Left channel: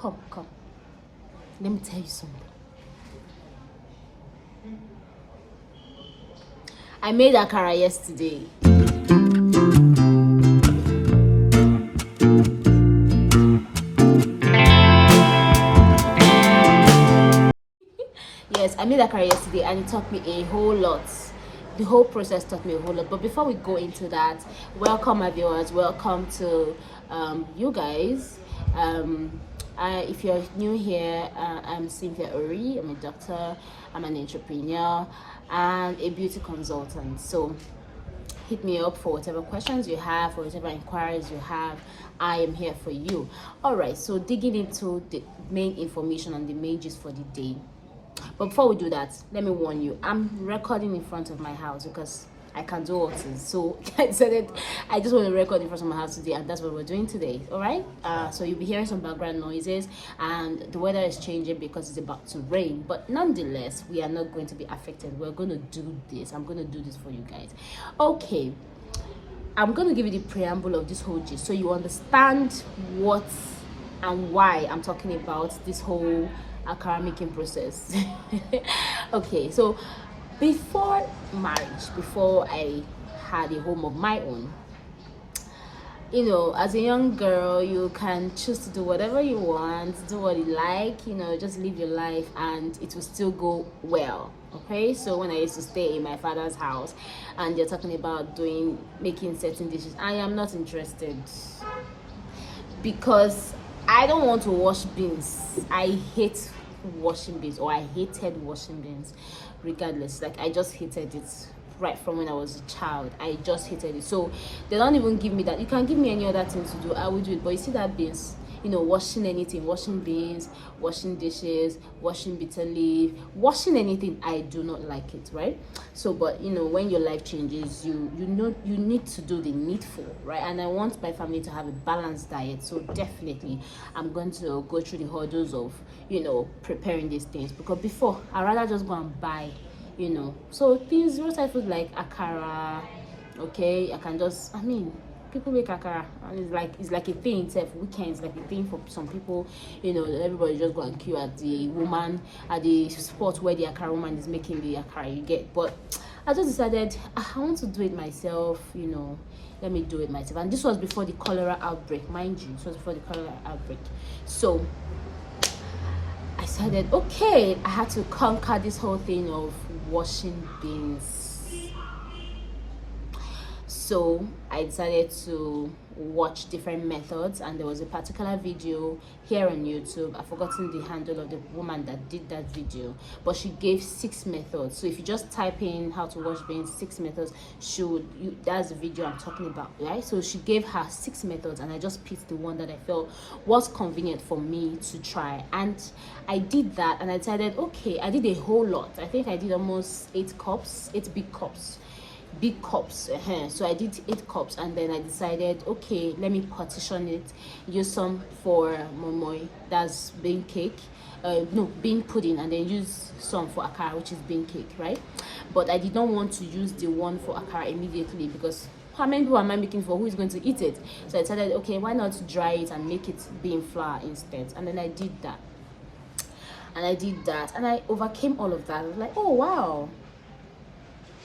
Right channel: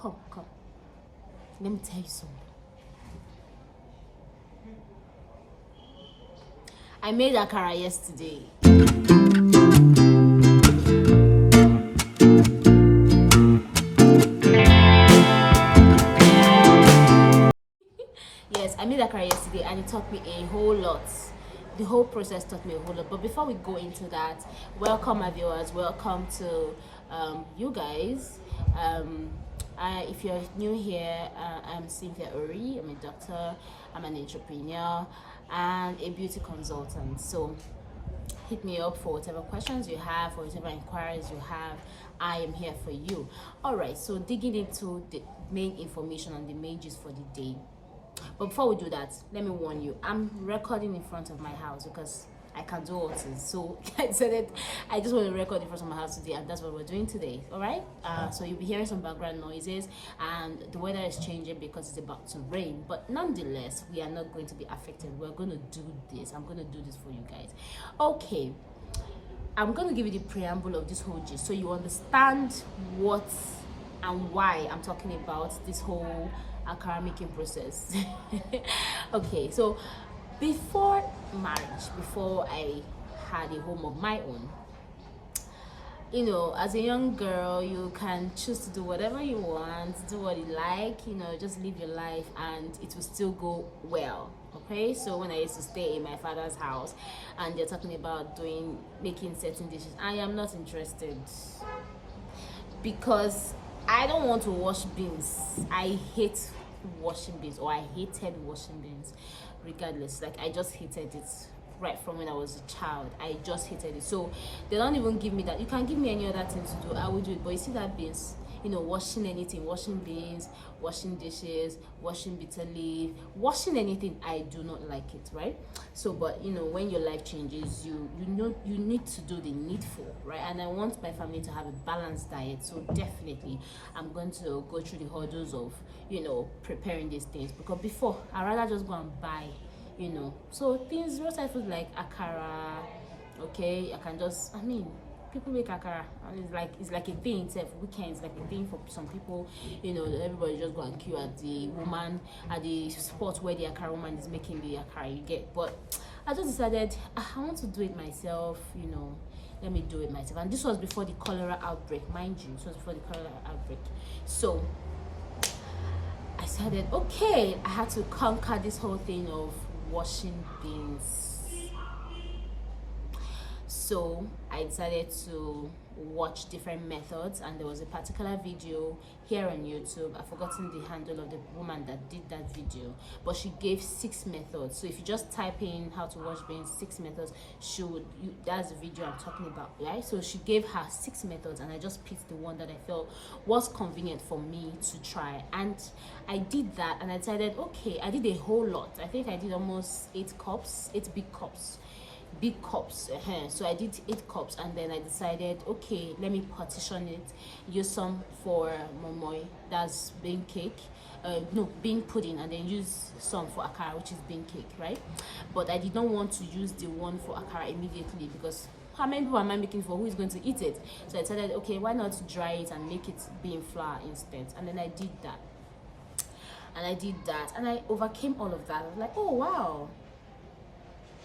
Come. Let me tell you something. I made akara yesterday. Yes, I made akara yesterday and it taught me a whole lot. The whole process taught me a whole lot. But before we go into that, welcome my viewers. Welcome to you guys. If you're new here, I'm Cynthia Ori. I'm a doctor, I'm an entrepreneur, and a beauty consultant. So hit me up for whatever questions you have, or whatever inquiries you have. I am here for you. All right, so digging into the main information on the main gist for the day. But before we do that, let me warn you, I'm recording in front of my house because I can do all things. So I decided I just want to record in front of my house today, and that's what we're doing today. All right, so you'll be hearing some background noises, and the weather is changing because it's about to rain, but nonetheless we are not going to be affected. We're going to do this. I'm going to do this for you guys. Okay, I'm going to give you the preamble of this whole gist so you understand what and why I'm talking about this whole akara making process. Okay, so before marriage, before I had a home of my own, you know, as a young girl, you can choose to do whatever you want, do what you like, you know, just live your life and it will still go well. Okay, so when I used to stay in my father's house and they're talking about making certain dishes, I am not interested because I don't want to wash beans. I hate washing beans, or I hated washing beans regardless. Like, I just hated it right from when I was a child. I just hated it. So they don't even give me that. You can give me any other thing to do, I will do it. But you see that beans, you know, washing anything, washing beans, washing dishes, washing bitter leaf, washing anything, I do not like it, right? So, but you know, when your life changes, you know you need to do the needful, right? And I want my family to have a balanced diet, so definitely I'm going to go through the hurdles of, you know, preparing these things, because before I'd rather just go and buy, you know, so things, roadside food like akara. Okay, I can just, I mean, people make akara and it's like a thing itself. Weekends like a thing for some people, you know. Everybody just go and queue at the woman at the spot where the akara woman is making the akara, you get. But I just decided I want to do it myself, you know. Let me do it myself. And this was before the cholera outbreak, mind you. This was before the cholera outbreak. So I decided, okay, I had to conquer this whole thing of washing beans. So I decided to watch different methods, and there was a particular video here on YouTube. I've forgotten the handle of the woman that did that video, but she gave 6 methods. So if you just type in how to wash beans, 6 methods, that's the video I'm talking about, right? So she gave her 6 methods, and I just picked the one that I felt was convenient for me to try, and I did that. And I decided, okay, I did a whole lot. I think I did almost 8 big cups. So I did 8 cups, and then I decided, okay, let me partition it, use some for moimoi, that's bean cake, bean pudding, and then use some for akara, which is bean cake, right? But I did not want to use the one for akara immediately, because how many people am I making for? Who is going to eat it? So I decided, okay, why not dry it and make it bean flour instead? And then I did that, and I overcame all of that. I was like, oh wow,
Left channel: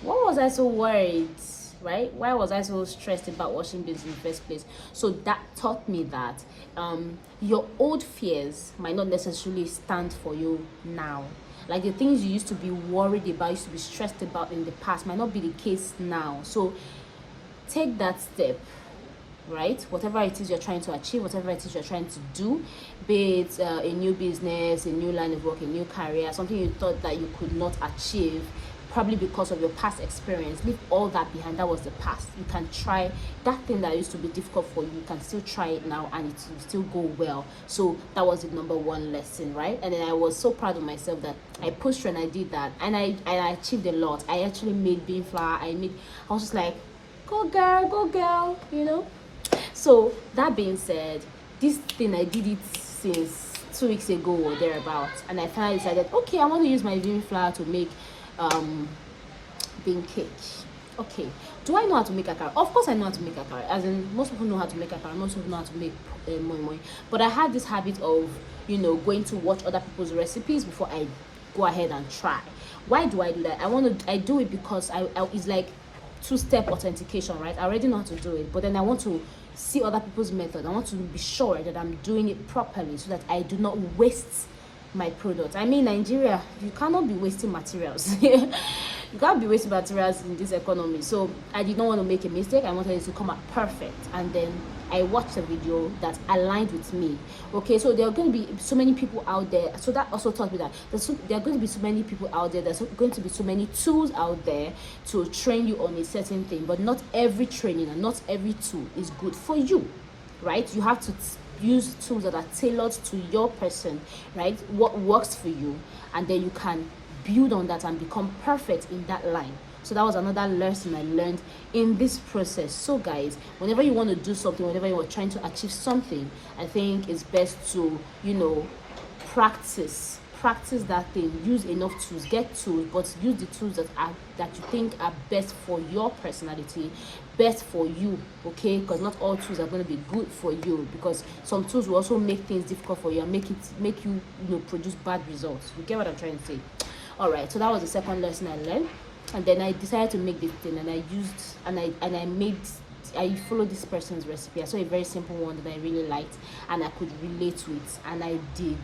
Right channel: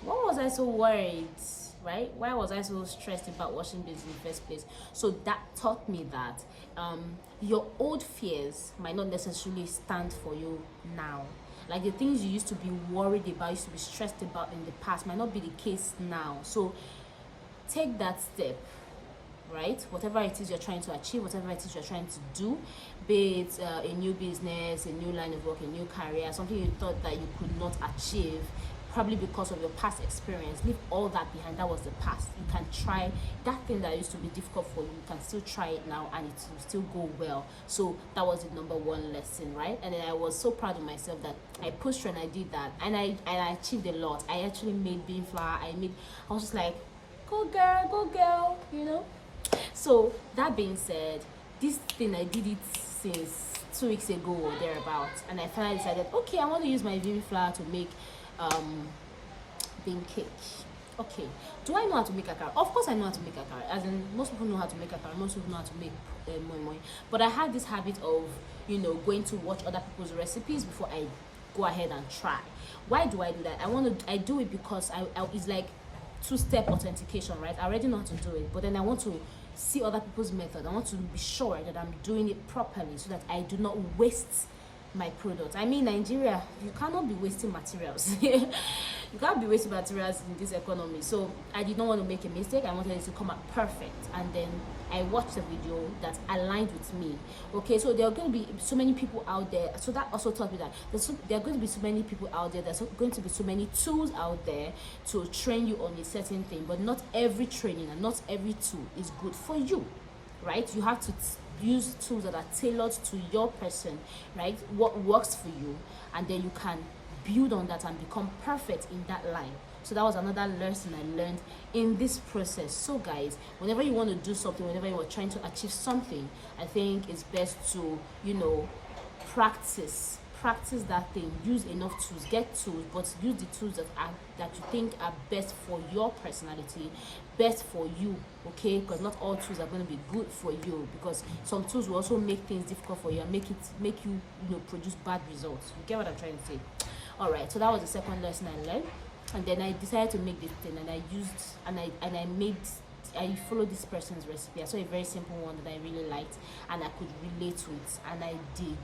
what was I so worried, right? Why was I so stressed about washing beans in the first place? So that taught me that your old fears might not necessarily stand for you now. Like the things you used to be worried about, used to be stressed about in the past, might not be the case now. So take that step, right? Whatever it is you're trying to achieve, whatever it is you're trying to do, be it a new business, a new line of work, a new career, something you thought that you could not achieve, probably because of your past experience, leave all that behind. That was the past. You can try that thing that used to be difficult for you. You can still try it now, and it will still go well. So that was the number one lesson, right? And then I was so proud of myself that I pushed through and I did that, and I achieved a lot. I actually made bean flour. I was just like, go girl, you know. So that being said, this thing, I did it since 2 weeks ago or thereabouts, and I finally decided, okay, I want to use my bean flour to make bean cake. Okay, do I know how to make akara? Of course I know how to make akara, as in most people know how to make akara, most people know how to make moi moi. But I had this habit of, you know, going to watch other people's recipes before I go ahead and try. Why do I do that? I do it because I it's like two-step authentication, right? I already know how to do it, but then I want to see other people's method. I want to be sure that I'm doing it properly so that I do not waste my product. I mean, Nigeria, you cannot be wasting materials. You can't be wasting materials in this economy. So I did not want to make a mistake. I wanted it to come out perfect. And then I watched a video that aligned with me. Okay, so there are going to be so many people out there. So that also taught me that there are going to be so many people out there. There's going to be so many tools out there to train you on a certain thing. But not every training and not every tool is good for you, right? You have to use tools that are tailored to your person, right? What works for you, and then you can build on that and become perfect in that line. So that was another lesson I learned in this process. So guys, whenever you want to do something, whenever you are trying to achieve something, I think it's best to, you know, practice that thing. Use enough tools, get tools, but use the tools that you think are best for your personality, best for you, okay? Because not all tools are going to be good for you, because some tools will also make things difficult for you and make you, you know, produce bad results. You get what I'm trying to say? All right, so that was the second lesson I learned. And then I decided to make this thing, and I followed this person's recipe. I saw a very simple one that I really liked and I could relate to it, and I did.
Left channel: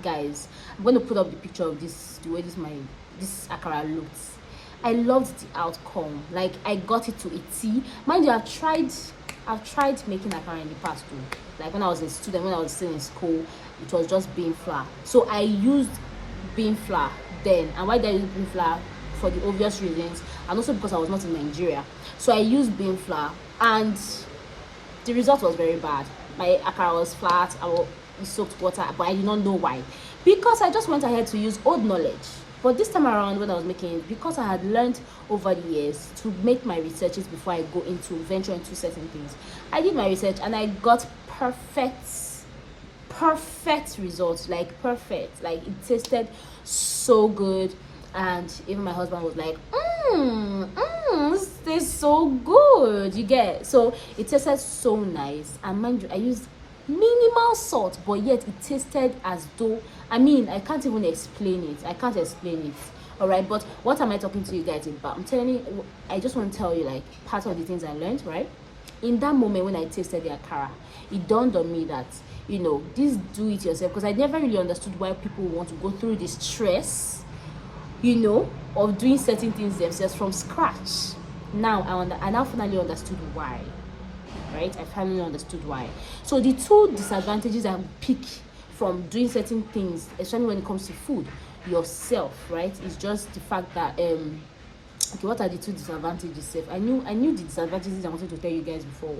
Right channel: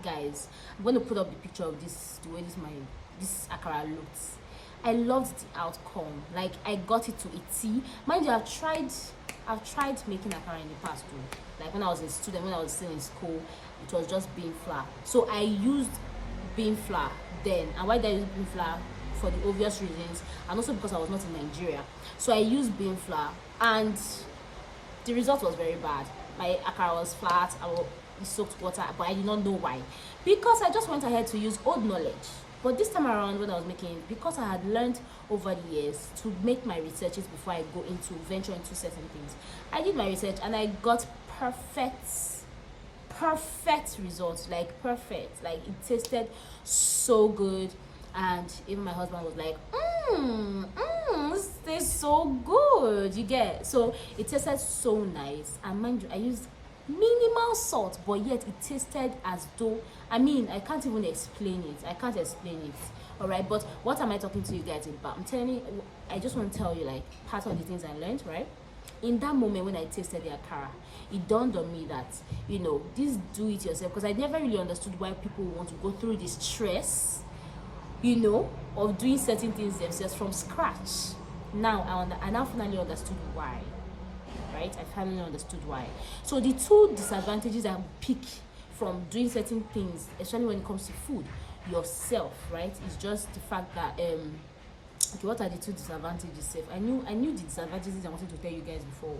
Guys, I'm going to put up the picture of this, the way this akara looks. I loved the outcome. Like, I got it to a T. Mind you, I've tried making akara in the past too. Like when I was a student, when I was still in school, it was just bean flour. So I used bean flour then. And why did I use bean flour? For the obvious reasons, and also because I was not in Nigeria. So I used bean flour, and the result was very bad. My akara was flat. It soaked water, but I did not know why, because I just went ahead to use old knowledge. But this time around, when I was making it, because I had learned over the years to make my researches before I go into venture into certain things, I did my research and I got perfect results. Like perfect, like it tasted so good. And even my husband was like, this tastes so good. You get? So it tasted so nice. And mind you, I used minimal salt, but yet it tasted as though, I mean, I can't even explain it. I can't explain it. All right, but what am I talking to you guys about? I'm telling you, I just want to tell you like part of the things I learned, right? In that moment when I tasted the akara, it dawned on me that, you know, this do it yourself, because I never really understood why people want to go through this stress, you know, of doing certain things themselves from scratch. Now I now finally understood why. Right, I finally understood why. So the two disadvantages I pick from doing certain things, especially when it comes to food yourself, right, is just the fact that okay, what are the two disadvantages? I knew the disadvantages I wanted to tell you guys before.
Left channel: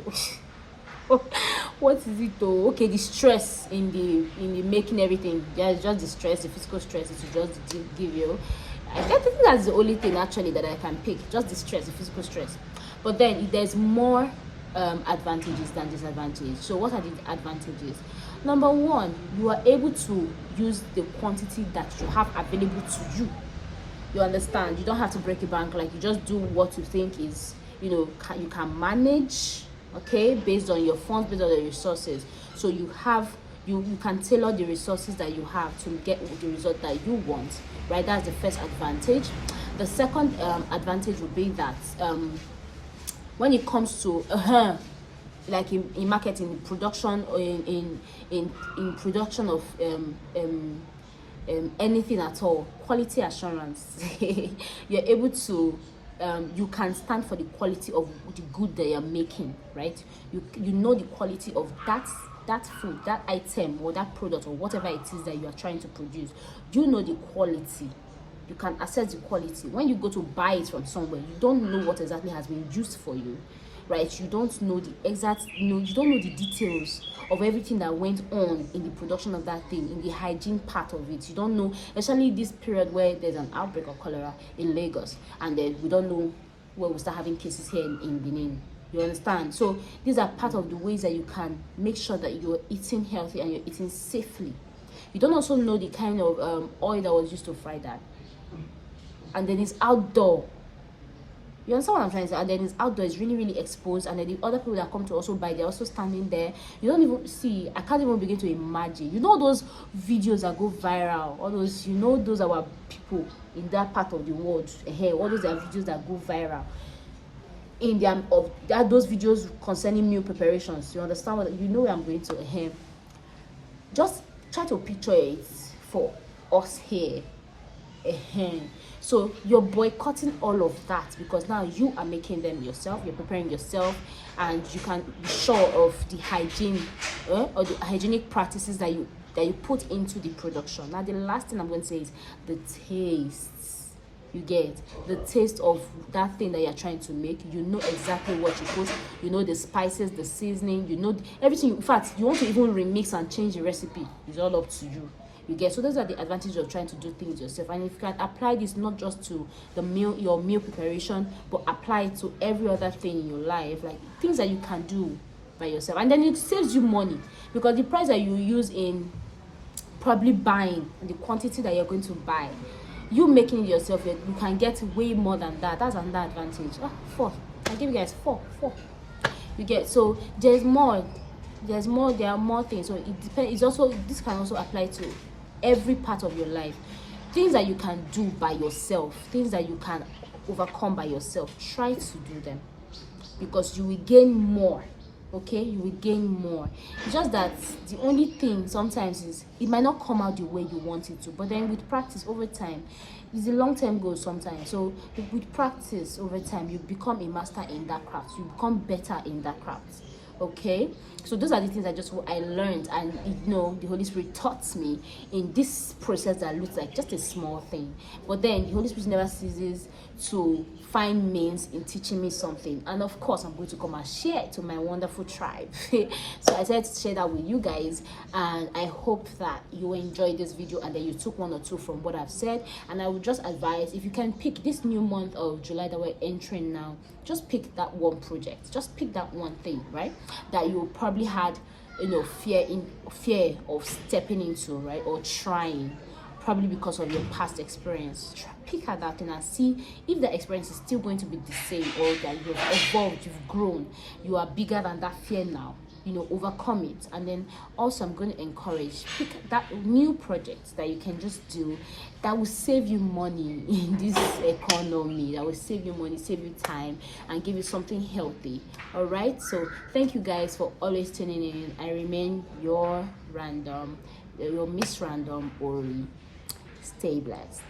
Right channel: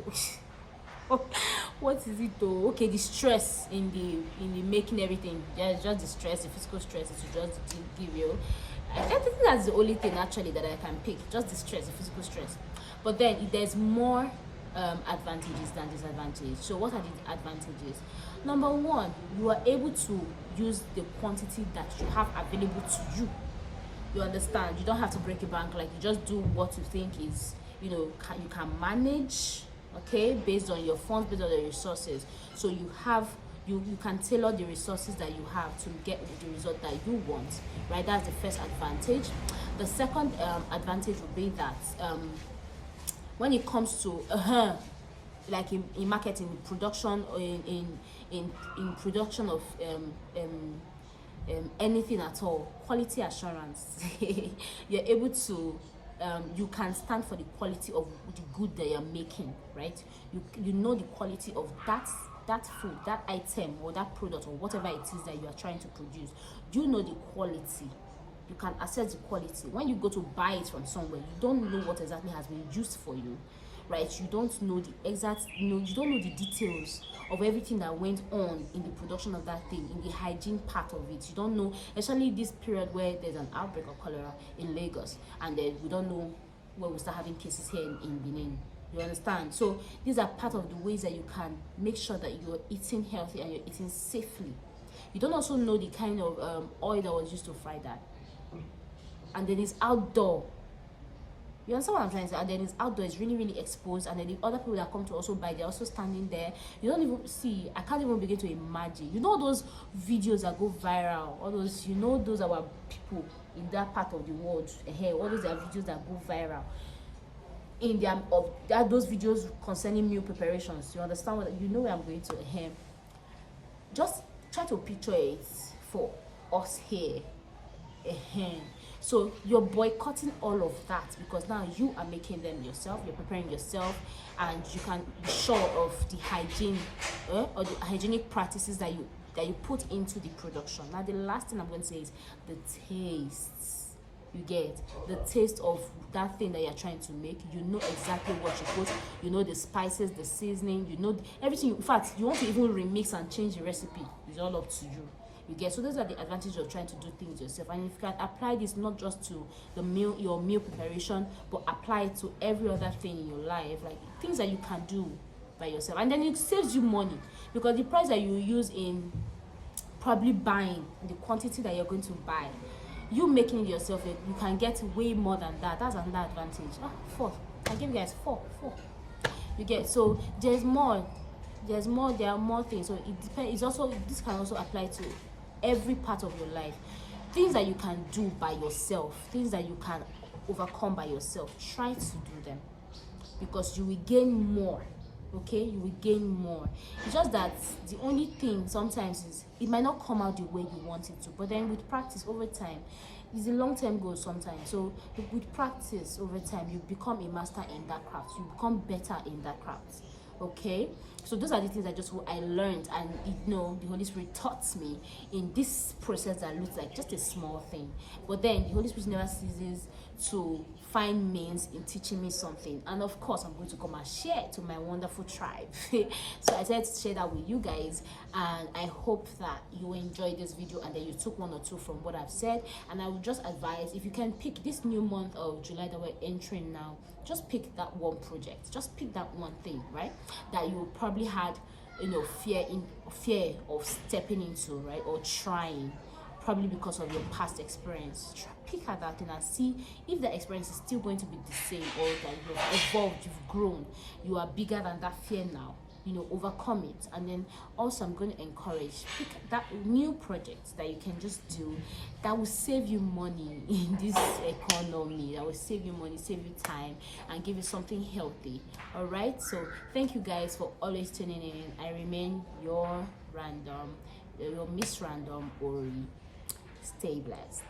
What is it though? Okay, the stress in the making everything. Yeah, it's just the stress, the physical stress it will just give you. I think that's the only thing actually that I can pick, just the stress, the physical stress. But then there's more advantages than disadvantages. So what are the advantages? Number one, you are able to use the quantity that you have available to you. You understand? You don't have to break a bank. Like, you just do what you think is, you know, you can manage, okay, based on your funds, based on the resources. So you can tailor the resources that you have to get the result that you want, right? That's the first advantage. The second advantage would be that when it comes to like in marketing, production, or in production of anything at all, quality assurance, you're able to you can stand for the quality of the good that you're making, right? You know the quality of that food, that item, or that product, or whatever it is that you are trying to produce. You know the quality. You can assess the quality. When you go to buy it from somewhere, you don't know what exactly has been used for you, right? You don't know the exact, you don't know the details of everything that went on in the production of that thing, in the hygiene part of it. You don't know, especially this period where there's an outbreak of cholera in Lagos, and then we don't know where we start having cases here in Benin. You understand? So these are part of the ways that you can make sure that you're eating healthy and you're eating safely. You don't also know the kind of oil that was used to fry that. And then it's outdoor. You understand what I'm trying to say? And then it's outdoor, it's really, really exposed. And then the other people that come to also buy, they're also standing there. You don't even see, I can't even begin to imagine. You know those videos that go viral, all those, you know, those are our people in that part of the world. Hey, all those are videos that go viral. In their of that those videos concerning meal preparations. You understand what you know where I'm going to? Just try to picture it for us here. So you're boycotting all of that because now you are making them yourself, you're preparing yourself, and you can be sure of the hygiene or the hygienic practices that you put into the production. Now the last thing I'm going to say is the taste. You get the taste of that thing that you're trying to make. You know exactly what you put, you know the spices, the seasoning, you know everything. In fact, you want to even remix and change the recipe, it's all up to you. You get, so those are the advantages of trying to do things yourself. And if you can apply this not just to the meal, your meal preparation, but apply it to every other thing in your life, like things that you can do by yourself, and then it saves you money, because the price that you use in probably buying and the quantity that you're going to buy, you making it yourself, you can get way more than that. That's another advantage. 4, I give you guys 4. You get, so there are more things. So it depends. It's also, this can also apply to every part of your life. Things that you can do by yourself, things that you can overcome by yourself, try to do them, because you will gain more. Okay, you will gain more. It's just that the only thing sometimes is it might not come out the way you want it to, but then with practice over time, it's a long-term goal sometimes. So with practice over time, you become a master in that craft, you become better in that craft. Okay, so those are the things I learned, and you know, the Holy Spirit taught me in this process that looks like just a small thing, but then the Holy Spirit never ceases to find means in teaching me something, and of course I'm going to come and share it to my wonderful tribe. So I decided to share that with you guys, and I hope that you enjoyed this video and that you took 1 or 2 from what I've said. And I would just advise, if you can pick this new month of July that we're entering now, just pick that one project, just pick that one thing, right, that you probably had, you know, fear of stepping into, right, or trying, probably because of your past experience. Pick at that thing and see if the experience is still going to be the same, or that you've evolved, you've grown, you are bigger than that fear now. You know, overcome it. And then also I'm going to encourage, pick that new project that you can just do that will save you money in this economy, that will save you money, save you time, and give you something healthy. All right, so thank you guys for always tuning in. I remain your Miss Random Ori. Stay blessed.